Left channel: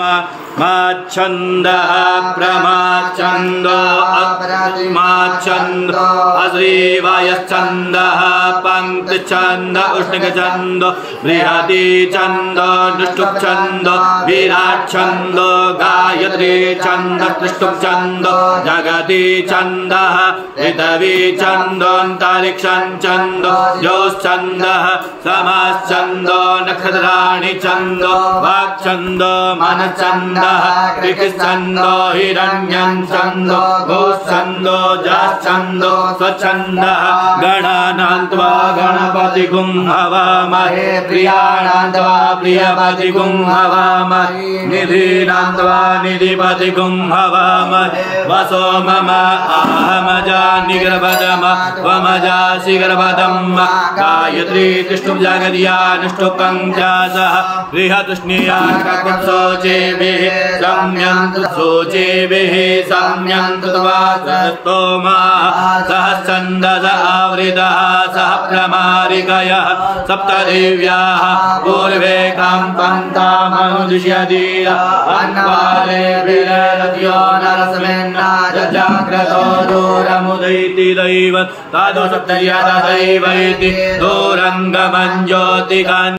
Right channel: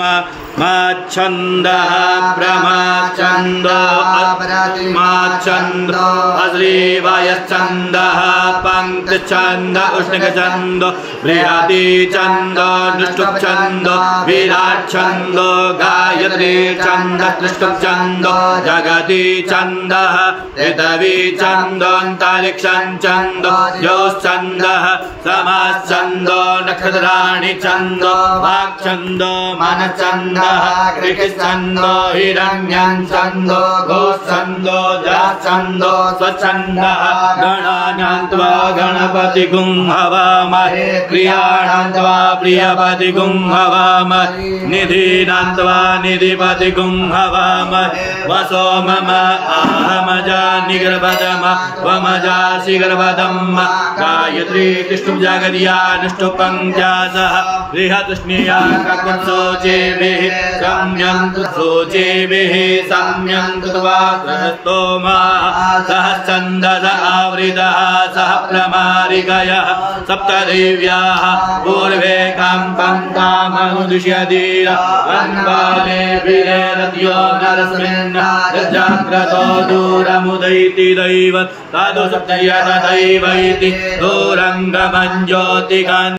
माच्छन्दः प्रमाच्छन्दो माच्छन्दो अश्रीवायश्चन्दः पङ्क्तिच्छन्दो उष्णिकछन्दो बृहती छन्दो दुष्टुप्छन्दो विराट्छन्दो गायत्री छन्दः त्रिष्टुप्छन्दो जगती छन्दः ऋतवी छन्दोऽन्तरिक्षं छन्दो योश्छन्दः समाश्छन्दो नक्षत्राणि छन्दो वाक्छन्दो छन्दः कृतिछन्दो हिरण्यं छन्दो गोश्छन्दो जाच्छन्दो स्वच्छन्दः गणानां त्वा गणपतिगुं हवामहे प्रियाणां त्वा प्रियपतिगुं हवामहे निधीनां त्वा निधिपतिगुं हवामहे वसो मम आहमजा निगर्भदम वमजासि गर्भदम् गायत्री तिष्ठुं जगद्या निष्ठुपञ्चासः बृहतुष्णीया ककुत्सोचेभिः सम्यन्तु सोचेभिः सम्यन्तु त्वा स्तोमा सहस्रन्दस आवृतः सह प्रमारिकयः सप्तदेव्याः पूर्वे काम्पन्तामनुदिश्यतीर अन्वाले विरत्यो नरस्मिन् जाग्रतो दूरमुदैति दैव तादु सप्तर्य तथैवैति दूरङ्गमं ज्योतिकान्